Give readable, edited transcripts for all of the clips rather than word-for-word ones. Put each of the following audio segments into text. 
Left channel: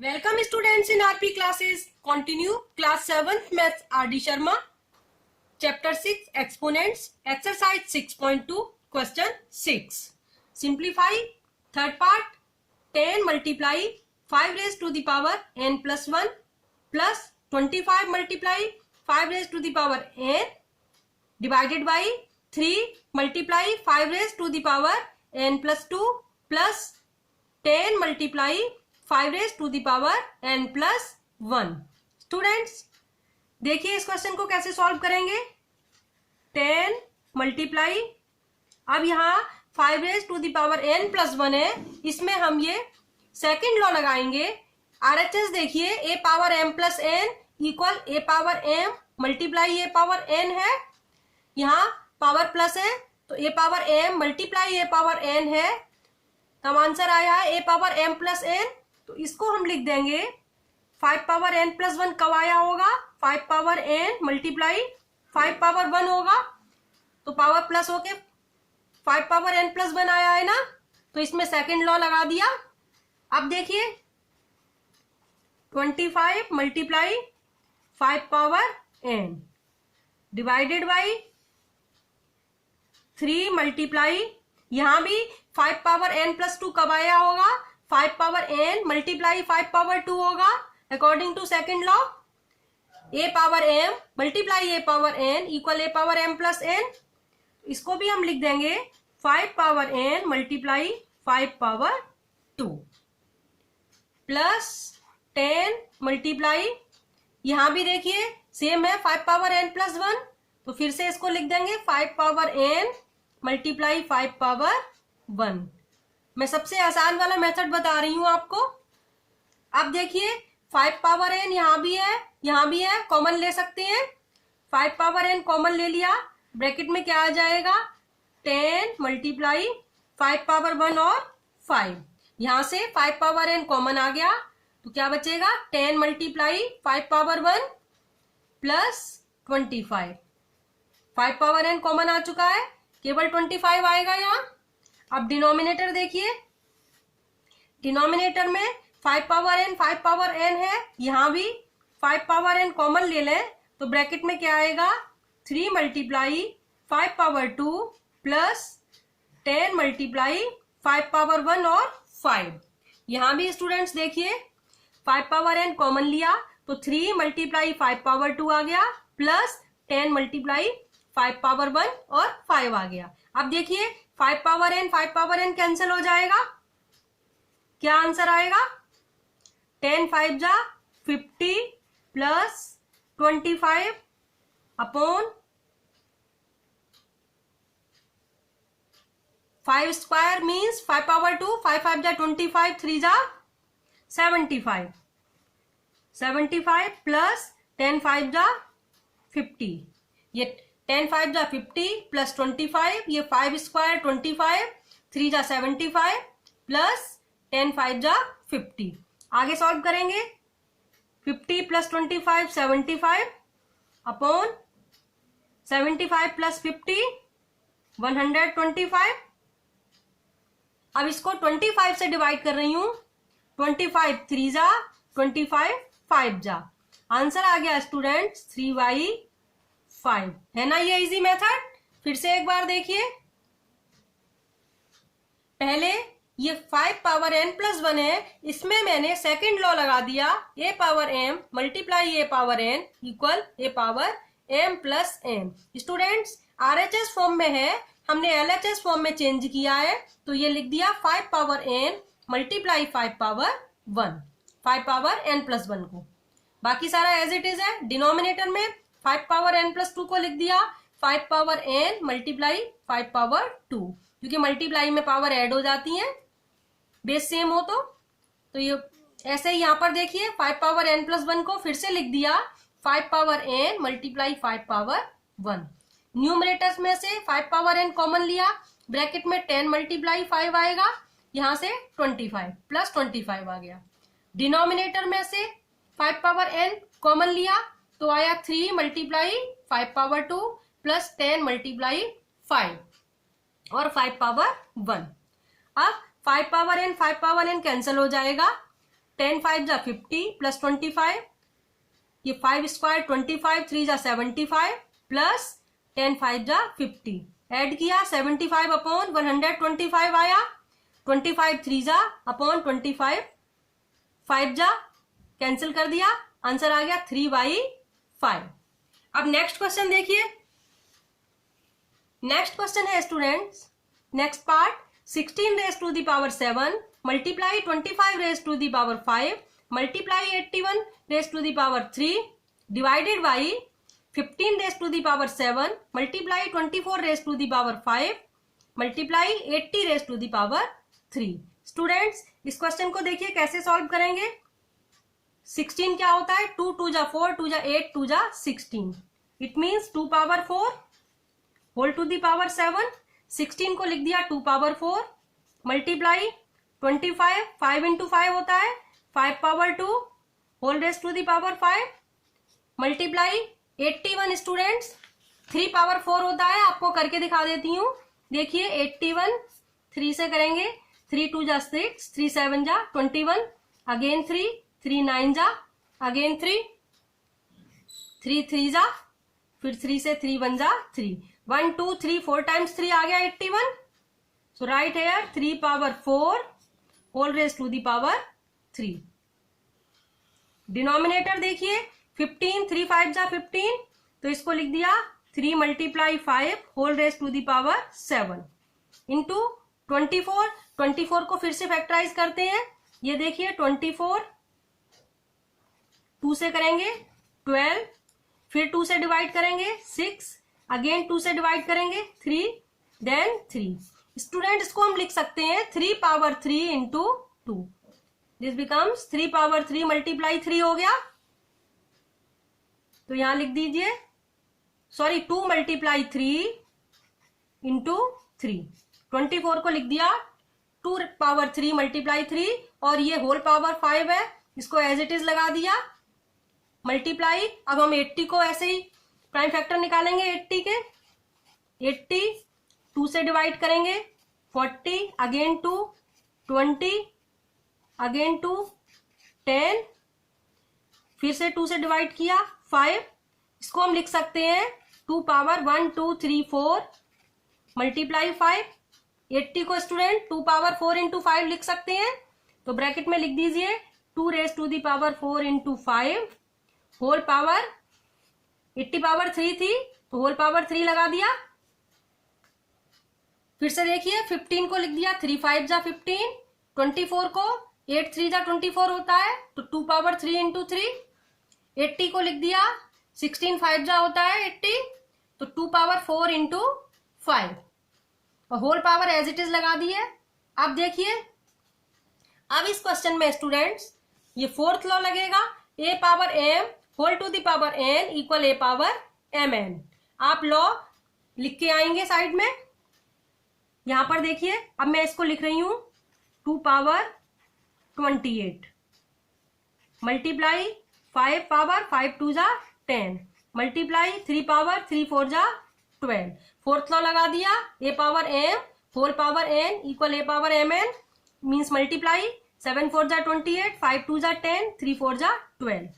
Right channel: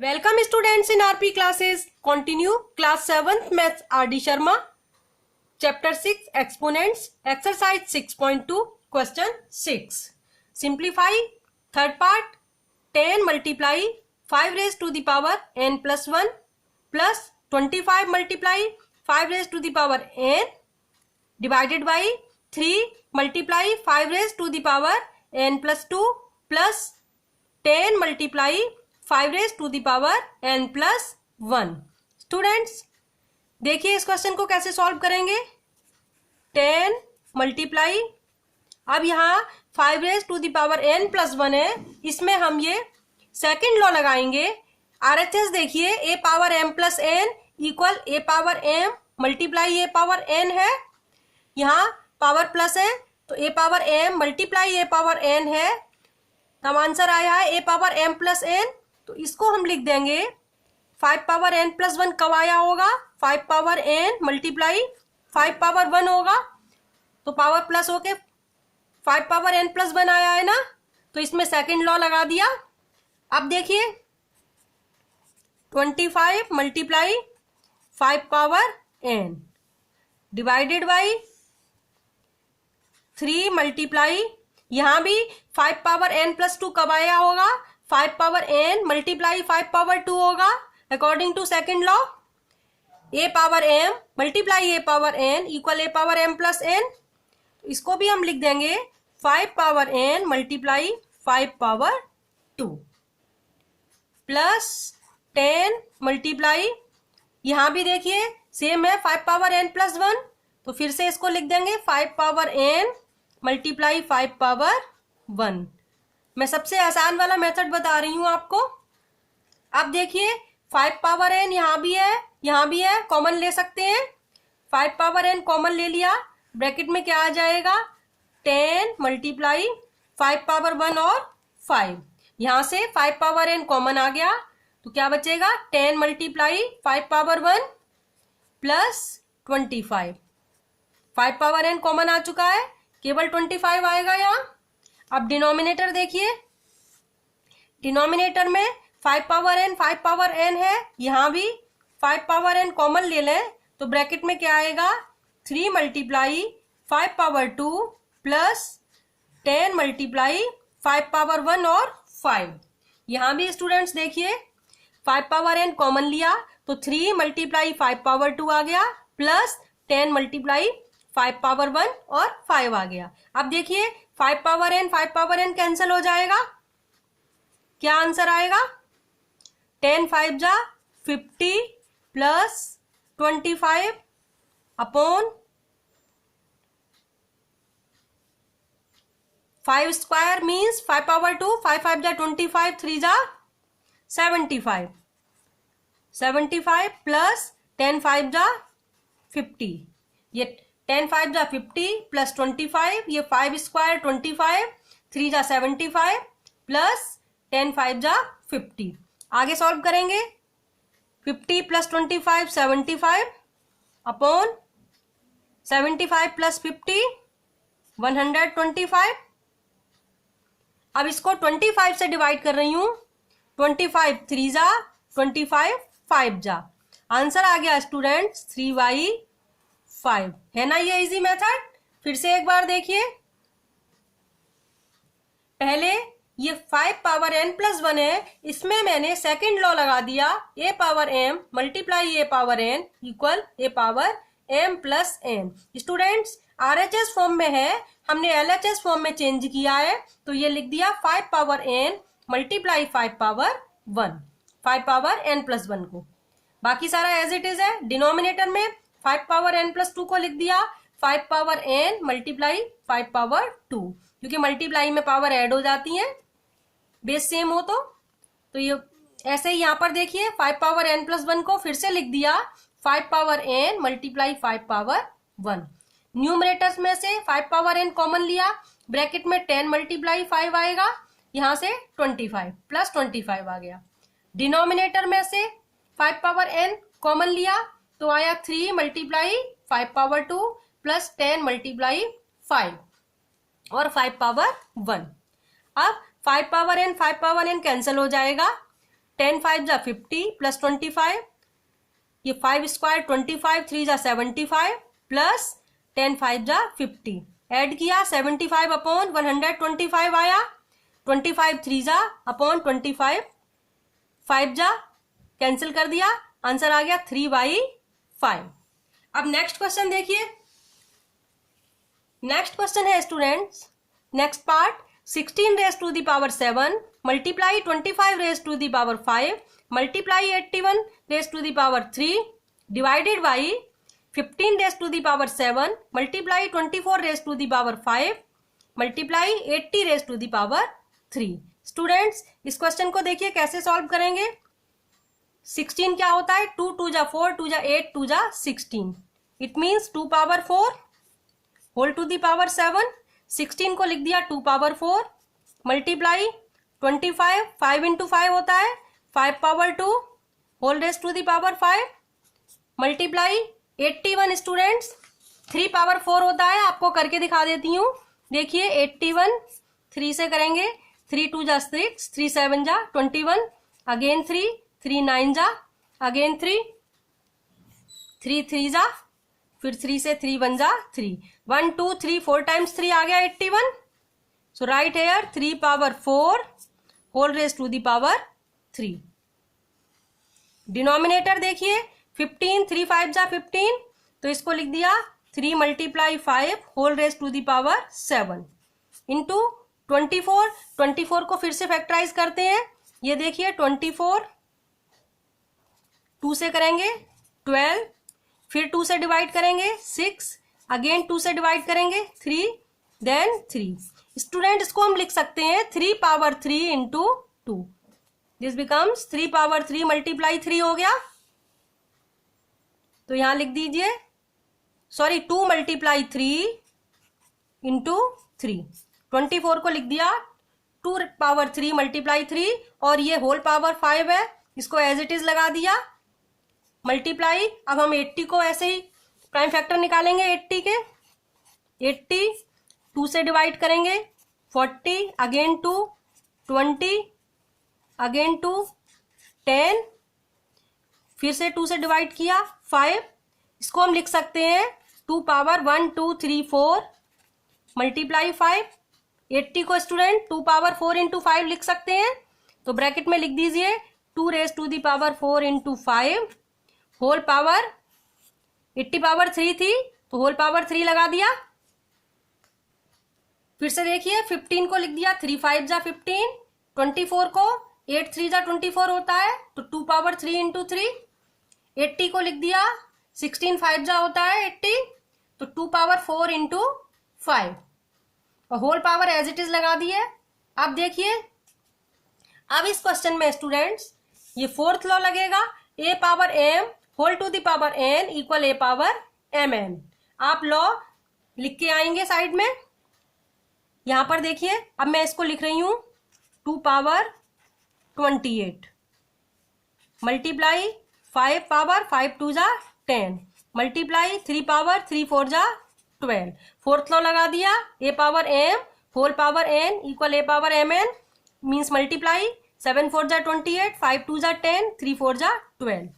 Welcome students in RP classes. Continue class 7th maths RD Sharma. Chapter 6 exponents. Exercise 6.2 question 6. Simplify. Third part. 10 multiply 5 raised to the power n plus 1 plus 25 multiply 5 raised to the power n divided by 3 multiply 5 raised to the power n plus 2 plus 10 multiply 5 raised to the power n plus 1। Students देखिए इस question को कैसे solve करेंगे। 10 multiply, अब यहाँ 5 raise to the power n plus 1 है, इसमें हम ये सेकंड लॉ लगाएंगे। RHS देखिए a power m plus n equal a power m multiply a power n है, यहाँ पावर प्लस है तो a power m multiply a power n है, हम आंसर आया है a power m plus n। तो इसको हम लिख देंगे 5 पावर n प्लस 1 कब आया होगा, 5 पावर n मल्टीप्लाई 5 पावर 1 होगा, तो पावर प्लस होके 5 पावर n प्लस 1 आया है ना, तो इसमें सेकंड लॉ लगा दिया। अब देखिए 25 multiply 5 power n divided by 3 multiply, यहां भी 5 पावर n प्लस 2 कब आया होगा, 5 पावर n मल्टीप्लाई 5 पावर 2 होगा according to second law. a power m multiply a power n equal a power m plus n, इसको भी हम लिख देंगे 5 power n multiply 5 power 2 plus 10 multiply, यहां भी देखिए सेम है 5 पावर n प्लस 1, तो फिर से इसको लिख देंगे 5 पावर n मल्टीप्लाई 5 पावर 1। मैं सबसे आसान वाला मेथड बता रही हूं आपको। अब देखिए 5 पावर n यहाँ भी है, यहाँ भी है, कॉमन ले सकते हैं। 5 पावर n कॉमन ले लिया, ब्रैकेट में क्या आ जाएगा 10 मल्टीप्लाई 5 पावर 1 और 5, यहां से 5 पावर n कॉमन आ गया तो क्या बचेगा 10 multiply 5 power 1 plus 25। 5 power n common आ चुका है, केवल 25 आएगा यहाँ। अब डिनोमिनेटर देखिए, डिनोमिनेटर में 5 पावर n है, यहाँ भी 5 पावर n कॉमन ले लें तो ब्रैकेट में क्या आएगा 3 multiply 5 power 2 plus 10 multiply 5 power 1 और 5। यहाँ भी स्टूडेंट्स देखिए 5 पावर n कॉमन लिया तो 3 मल्टीप्लाई 5 पावर 2 आ गया प्लस 10 मल्टीप्लाई 5 पावर 1 और 5 आ गया। अब देखिए 5 पावर n कैंसिल हो जाएगा, क्या आंसर आएगा 10 5 जा 50 plus 25 upon 5 square means 5 power 2, 5 5 जा 25, 3 जा 75, 75 प्लस 10 5 जा 50, ये 10 5 जा 50 प्लस 25, ये 5 स्क्वायर 25, 3 जा 75 प्लस 10 5 जा 50। आगे सॉल्व करेंगे 50 प्लस 25 75 अपॉन 75 प्लस 50 125। अब इसको 25 से डिवाइड कर रही हूं, 25 3 जा 25 5 जा, आंसर आ गया स्टूडेंट्स 3/5। है ना ये इजी मेथड। फिर से एक बार देखिए, पहले ये 5 पावर n प्लस 1 है, इसमें मैंने सेकंड लॉ लगा दिया a power m multiply a power n equal a power m plus n। Students RHS form में है, हमने LHS फॉर्म में चेंज किया है तो ये लिख दिया 5 power n multiply 5 power 1, 5 power n plus 1 को, बाकी सारा एज इट इज है। डिनोमिनेटर में 5 पावर n प्लस 2 को लिख दिया 5 पावर n मल्टीप्लाई 5 पावर 2, क्योंकि मल्टीप्लाई में पावर ऐड हो जाती है बेस सेम हो तो ये ऐसे ही यहाँ पर देखिए 5 पावर n प्लस 1 को फिर से लिख दिया 5 power n multiply 5 power 1। Numerators में से 5 पावर n कॉमन लिया, ब्रैकेट में 10 मल्टीप्लाई 5 आएगा, यहाँ से 25 प्लस 25 आ गया। डिनोमिनेटर में से 5 पावर n कॉमन लिया तो आया 3 मल्टीप्लाई 5 पावर 2 प्लस 10 मल्टीप्लाई 5 और 5 पावर 1। अब 5 पावर n कैंसिल हो जाएगा, 10 5 जा 50 प्लस 25, ये 5 स्क्वायर 25, 3 जा 75 प्लस 10 5 जा 50, ऐड किया 75 अपॉन 125 आया, 25 3 जा अपॉन 25 5 जा कैंसिल कर दिया, आंसर आ गया 3/5। अब नेक्स्ट क्वेश्चन देखिए। नेक्स्ट क्वेश्चन है students, next part 16 raise to the power 7 multiply 25 raise to the power 5 multiply 81 raise to the power 3 divided by 15 raise to the power 7 multiply 24 raise to the power 5 multiply 80 raise to the power 3। Students इस question को देखिए कैसे solve करेंगे। 16 क्या होता है, 2 2 जा 4, 2 जा 8, 2 जा 16, it means 2 power 4 whole to the power 7। 16 को लिख दिया 2 पावर 4 मल्टीप्लाई 25, 5 इंटू 5 होता है 5 power 2 whole raise to the power 5 multiply 81 students 3 power 4 होता है, आपको करके दिखा देती हूँ। देखिए 81 3 से करेंगे, 3 2 जा 6, 3 7 जा 21, अगेन 3 3 9 जा, अगेन 3 3 3 जा, फिर 3 से 3 1 जा 3, 1 2 3 4 टाइम्स 3 आ गया 81। So right here 3 power 4 whole raise to the power 3। Denominator देखिए 15, 3 5 जा 15, तो इसको लिख दिया 3 multiply 5 whole raise to the power 7 into 24, 24 को फिर से फैक्टराइज करते हैं। ये देखिए 24 2 से करेंगे 12, फिर 2 से डिवाइड करेंगे 6, अगेन 2 से डिवाइड करेंगे 3, देन 3। स्टूडेंट इसको हम लिख सकते हैं 3 power 3 into 2, this becomes 3 power 3 multiply 3 हो गया, तो यहां लिख दीजिए, सॉरी 2 मल्टीप्लाई 3 इंटू 3। 24 को लिख दिया 2 पावर 3 मल्टीप्लाई 3, और ये होल पावर 5 है, इसको एज इट इज लगा दिया मल्टीप्लाई। अब हम 80 को ऐसे ही प्राइम फैक्टर निकालेंगे 80 के, 80 2 से डिवाइड करेंगे 40, अगेन 2 20, अगेन 2 10, फिर से 2 से डिवाइड किया 5, इसको हम लिख सकते हैं 2 पावर 1 2 3 4 मल्टीप्लाई 5। 80 को स्टूडेंट 2 पावर 4 इंटू 5 लिख सकते हैं, तो ब्रैकेट में लिख दीजिए 2 raise to the power 4 into 5 whole power, 80 power 3 थी तो होल पावर 3 लगा दिया। फिर से देखिए 15 को लिख दिया 3 5 जा 15, 24 को 8 3 जा 24 होता है तो 2 पावर 3 इंटू 3, 80 को लिख दिया 16 5 जा होता है 80, तो 2 पावर 4 इंटू 5 और whole power as it is लगा दिए। अब देखिए अब इस क्वेश्चन में स्टूडेंट्स ये फोर्थ लॉ लगेगा, a power m whole to the power n equal a power mn। आप लॉ लिख के आएंगे साइड में, यहां पर देखिए अब मैं इसको लिख रही हूं 2 पावर 28 मल्टीप्लाई 5 पावर 5 2 जा 10 मल्टीप्लाई 3 पावर 3 4 जा 12। फोर्थ लॉ लगा दिया a power m whole power n equal a power mn means multiply 7 4 जा 28, 5 2 जा 10, 3 4 जा 12।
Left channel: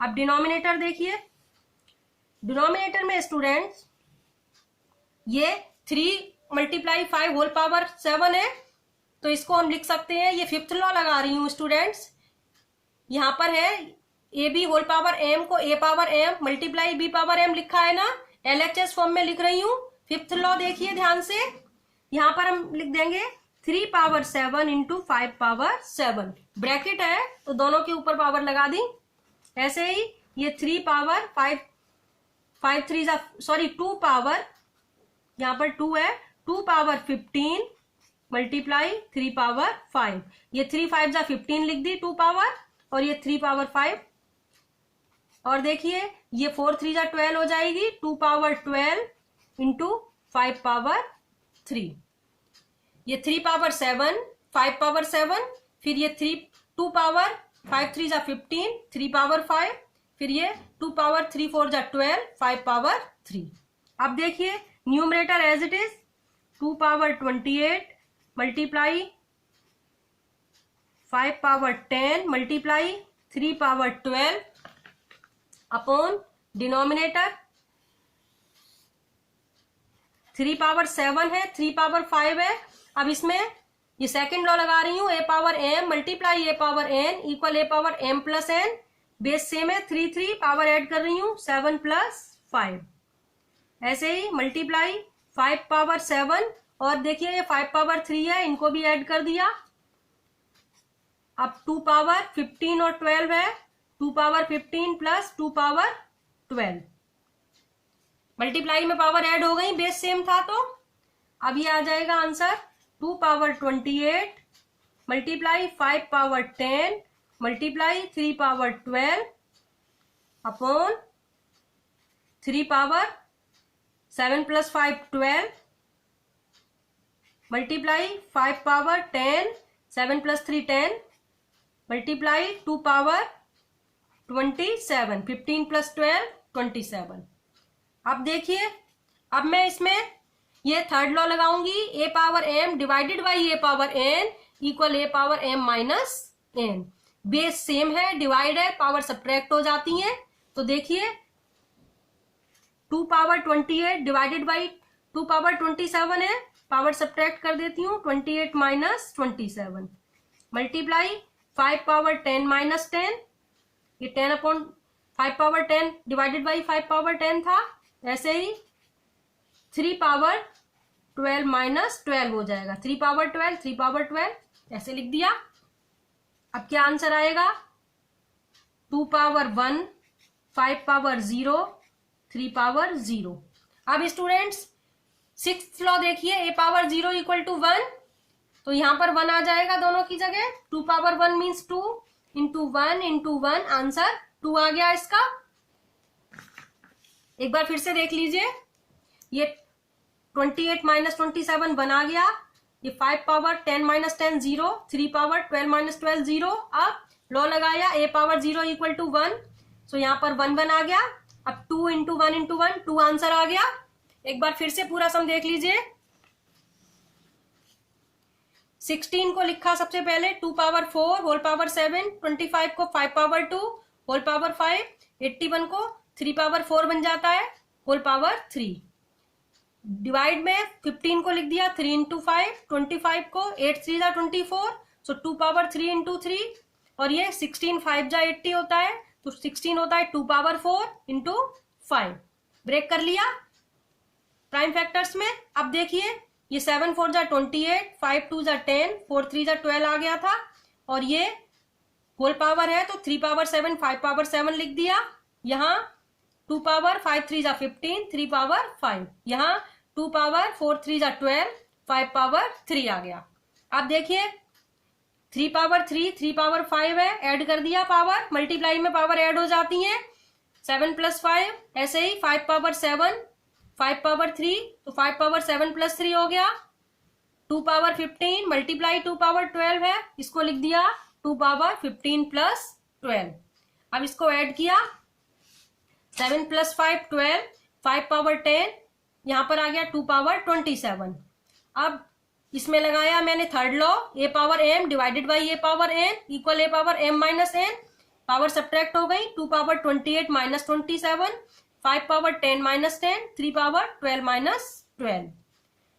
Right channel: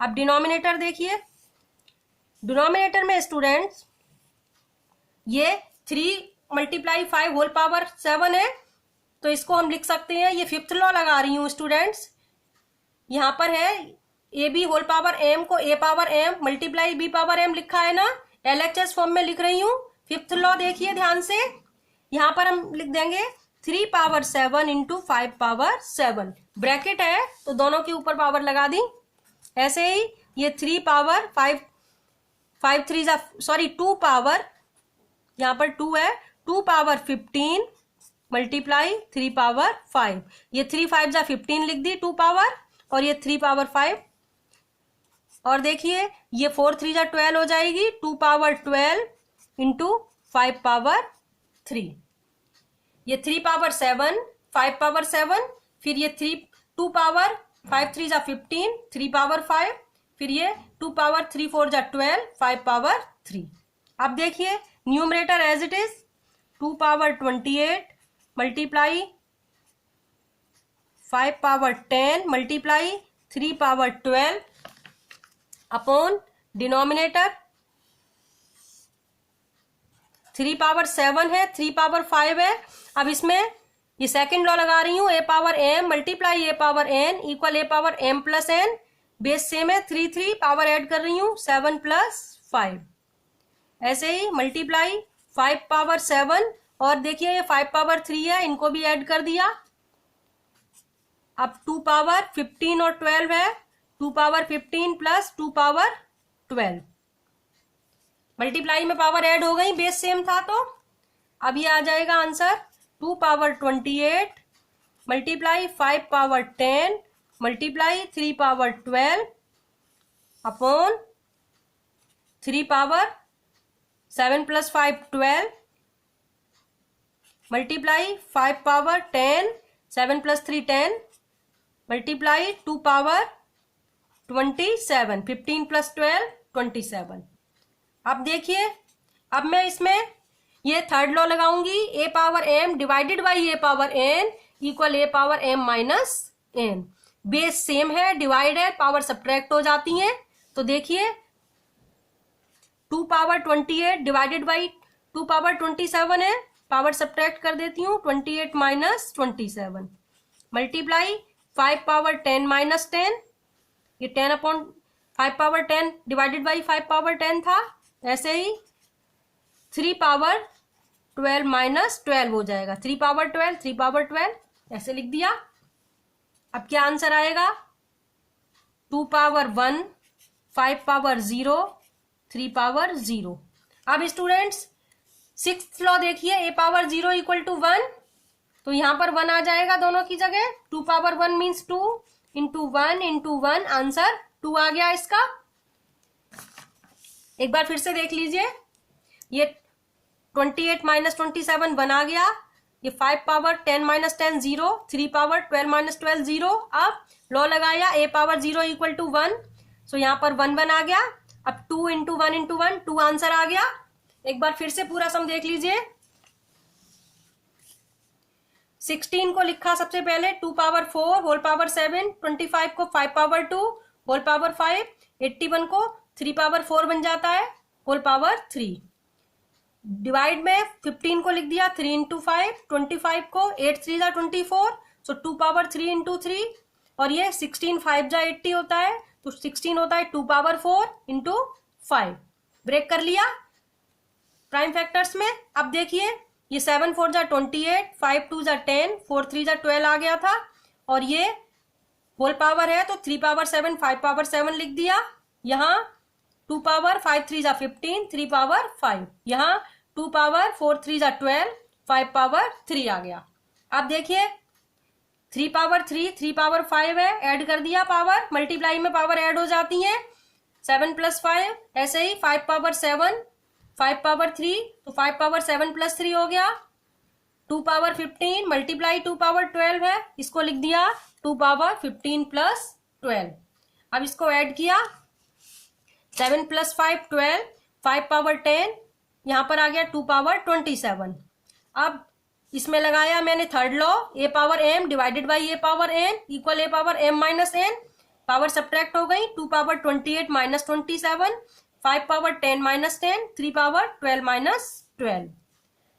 अब डिनोमिनेटर देखिए, डिनोमिनेटर में स्टूडेंट्स ये 3 मल्टीप्लाई 5 होल पावर 7 है, तो इसको हम लिख सकते हैं, ये फिफ्थ लॉ लगा रही हूं स्टूडेंट्स, यहां पर है A B whole power M को A power M multiply B power M लिखा है ना, एलएचएस फॉर्म में लिख रही हूं। फिफ्थ लॉ देखिए ध्यान से, यहां पर हम लिख देंगे 3 पावर 7 इंटू 5 पावर 7, ब्रैकेट है तो दोनों के ऊपर पावर लगा दी। ऐसे ही ये 3 पावर 5 3 जा सॉरी 2 पावर, यहां पर 2 है, 2 पावर 15 मल्टीप्लाई 3 पावर 5, ये 3 5 जा 15 लिख दी 2 पावर, और ये 3 पावर 5, और देखिए ये 4 3 जा 12 हो जाएगी, 2 पावर 12 इंटू 5 पावर 3, ये 3 पावर 7 5 पावर 7, फिर ये 2 पावर 5 3 जा 15 3 पावर 5, फिर ये 2 पावर 3 4 जा 12 5 पावर 3। अब देखिए numerator as it is 2 power 28 multiply 5 power 10 multiply 3 power 12 upon denominator 3 power 7 है, 3 पावर 5 है। अब इसमें ये सेकंड लॉ लगा रही हूं, A power M multiply A power N equal A power M plus N. Base same है, 3 पावर ऐड कर रही हूं 7 प्लस 5। ऐसे ही मल्टीप्लाई 5 पावर 7 और देखिए ये 5 पावर 3 है, इनको भी ऐड कर दिया। अब 2 पावर 15 और 12 है, 2 पावर 15 प्लस 2 पावर 12। मल्टीप्लाई में पावर ऐड हो गई, बेस सेम था तो। अब ये आ जाएगा answer 2 power 28 multiply 5 power 10 multiply 3 power 12 upon 3 power 7 plus 5 12 multiply 5 power 10 7 plus 3 10 multiply 2 power 27 15 plus 12 27। अब देखिए, अब मैं इसमें ये थर्ड लॉ लगाऊंगी, A power M divided by A power N equal A power M minus N. Base same है, divide है, power subtract हो जाती है। तो देखिए 2 पावर 28 डिवाइडेड बाई 2 पावर 27 है, पावर सब्ट्रैक्ट कर देती हूँ 28 माइनस 27 मल्टीप्लाई 5 पावर 10 माइनस 10, ये 10 upon 5 power 10 divided by 5 power 10 था। ऐसे ही 3 पावर 12 माइनस 12 हो जाएगा, 3 पावर 12 3 पावर 12 ऐसे लिख दिया। अब क्या आंसर आएगा, 2 पावर 1 5 पावर 0 3 पावर 0। अब स्टूडेंट्स सिक्स्थ लॉ देखिए, ए पावर 0 इक्वल टू 1, तो यहां पर 1 आ जाएगा दोनों की जगह। 2 power 1 means 2 into 1 into 1, answer 2 आ गया इसका। एक बार फिर से देख लीजिए, ये 28 माइनस 27 1 आ गया, ये 5 पावर 10 माइनस 10 0, 3 पावर 12 माइनस 12 0। अब लॉ लगाया ए पावर 0 इक्वल टू 1, सो यहाँ पर 1 1 आ गया। अब 2 इंटू 1 इंटू 1 2 आंसर आ गया। एक बार फिर से पूरा सम देख लीजिए। 16 को लिखा सबसे पहले 2 पावर 4 होल पावर 7, 25 को 5 पावर 2 होल पावर 5, 81 को 3 पावर 4 बन जाता है होल पावर 3। डिवाइड में 15 को लिख दिया 3 इंटू 5, 25 को 8 3 जा 24, सो 2 पावर 3 इंटू 3, और ये 16 5 जा 80 होता है, तो 16 होता है 2 पावर 4 इंटू 5। ब्रेक कर लिया प्राइम फैक्टर्स में। अब देखिए ये 7 4 जा 28, 5 2 जा 10, 4 3 जा 12 आ गया था, और ये होल पावर है तो 3 पावर 7 5 पावर 7 लिख दिया। यहाँ 2 पावर 5 3 जा 15, 3 पावर 5, यहाँ 2 पावर 4 3 जा 12, 5 पावर 3 आ गया। अब देखिए 3 पावर 3 3 पावर 5 है, ऐड कर दिया पावर, मल्टीप्लाई में पावर ऐड हो जाती है 7 प्लस 5। ऐसे ही 5 पावर 7 5 पावर 3, तो 5 पावर 7 प्लस 3 हो गया। 2 पावर 15 मल्टीप्लाई 2 पावर 12 है, इसको लिख दिया 2 पावर 15 प्लस 12। अब इसको ऐड किया 7 प्लस 5 12, 5 पावर 10, यहां पर आ गया 2 पावर 27। अब इसमें लगाया मैंने third law, A power M divided by A power N equal A power M minus N. Power subtract हो गई, 2 power 28 minus 27, 5 power 10 minus 10, 3 power 12 minus 12।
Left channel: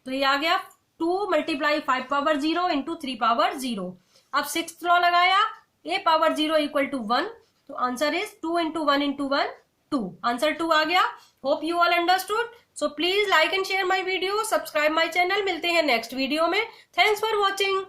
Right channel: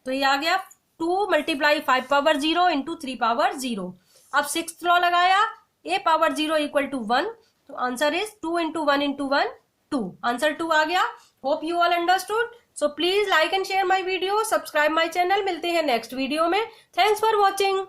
तो ये आ गया 2 मल्टीप्लाई 5 पावर 0 इंटू 3 पावर 0। अब सिक्स्थ लॉ लगाया, ए पावर 0 इक्वल टू 1, तो answer is 2 into 1 into 1 2, answer 2 आ गया। Hope you all understood. So please like and share my video, subscribe my channel. मिलते हैं next video में। Thanks for watching.